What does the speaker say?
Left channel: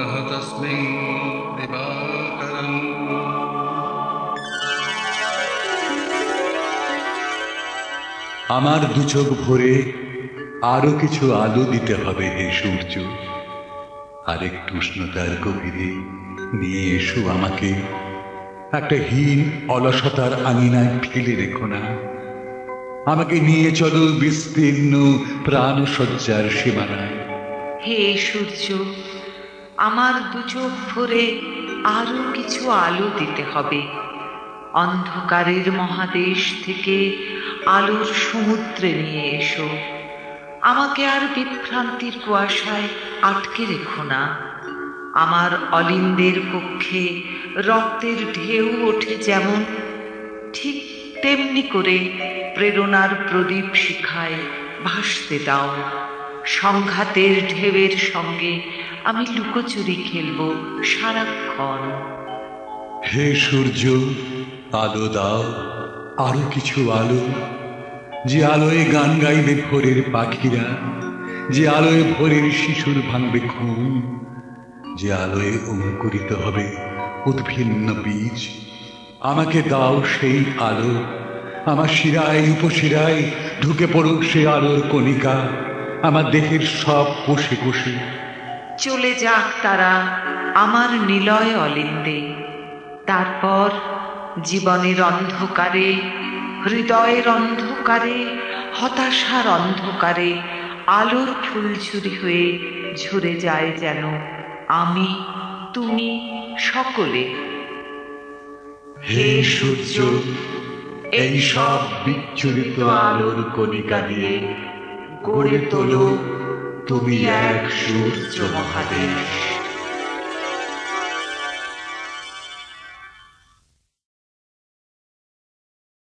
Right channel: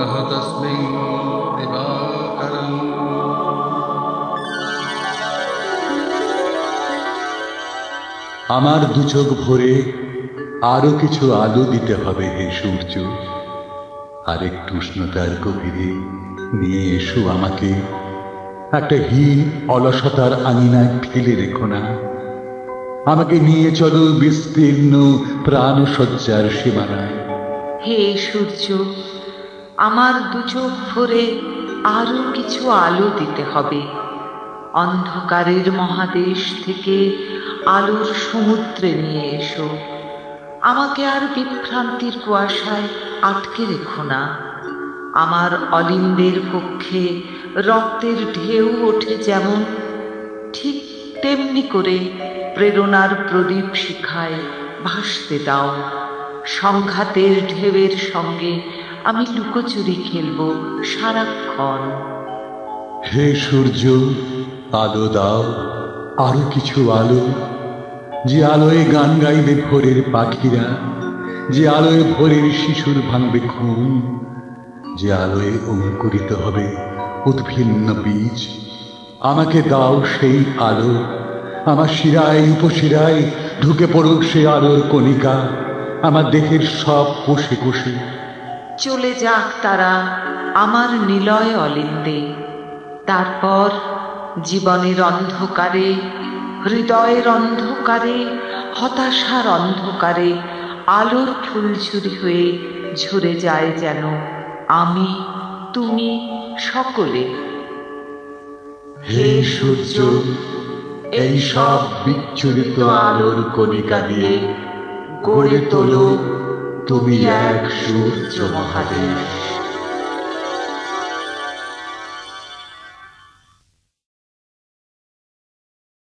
নমঃ তস্মৈ দিবাকরং। আমার দু চোখ ভরে আরো কিছু আলো দিতে হবে হে সূর্য। আরেকটু উষ্ণতার গভীরে নিয়ে এসো আমাকে। একটা হীন অলসতার আঙিনায় ফেলে রেখো না। আমাকে নিয়ে চলো বিস্তীর্ণ প্রাণসজ্জার সীমানায়। হে সূর্য, আমার দু চোখ ভরে আরো কিছু আলো দিতে হবে। অন্ধকারের মহাদেশ থেকে আলোর সমুদ্রে নিয়ে এসো। আমাকে আর বিভ্রান্তির কুয়াশায় আটকে রেখো না। আমার অলিন্দের পক্ষে রক্তের ঢেউ ওঠে যেমন, ঠিক তেমনি করে প্রেরণার প্রদীপ শিখায় ভাসতে দাও। সংঘাতের ঢেউয়ের সঙ্গে আমি লুকোচুরি খেলব সারাক্ষণ। হে সূর্য, আলো দাও, আরো কিছু আলো। যে আলোয় গান গাইবে ভোরের পাখিরা, যে আলোয় ভোরের শিশুর ভাঙবে ঘুম, যে আলোয় অঙ্কুরিত হবে উদ্ভিন্ন বীজ। আমাকে দাও সেই আলো। আমার শিরায় উপশিরায় ঢুকে পড়ুক সে আলোর কণিকা, আমার দেহের সব কোষে কোষে। চলে যাক তারা আমার নিলয় অলিন্দে। তারপর জীবনের অন্ধকারে, হৃদয়ের অন্ধকারে, হতাশার অন্ধকারে আলোর ফুলঝুরি হয়ে ঝরে যায় যেন আমি, তুমি, সকলে। হে সূর্য, এই সব বিচ্ছুরিত আলোর কণিকা দিয়ে গড়ে তোলো তুমি এক সূর্য মহাদেশ।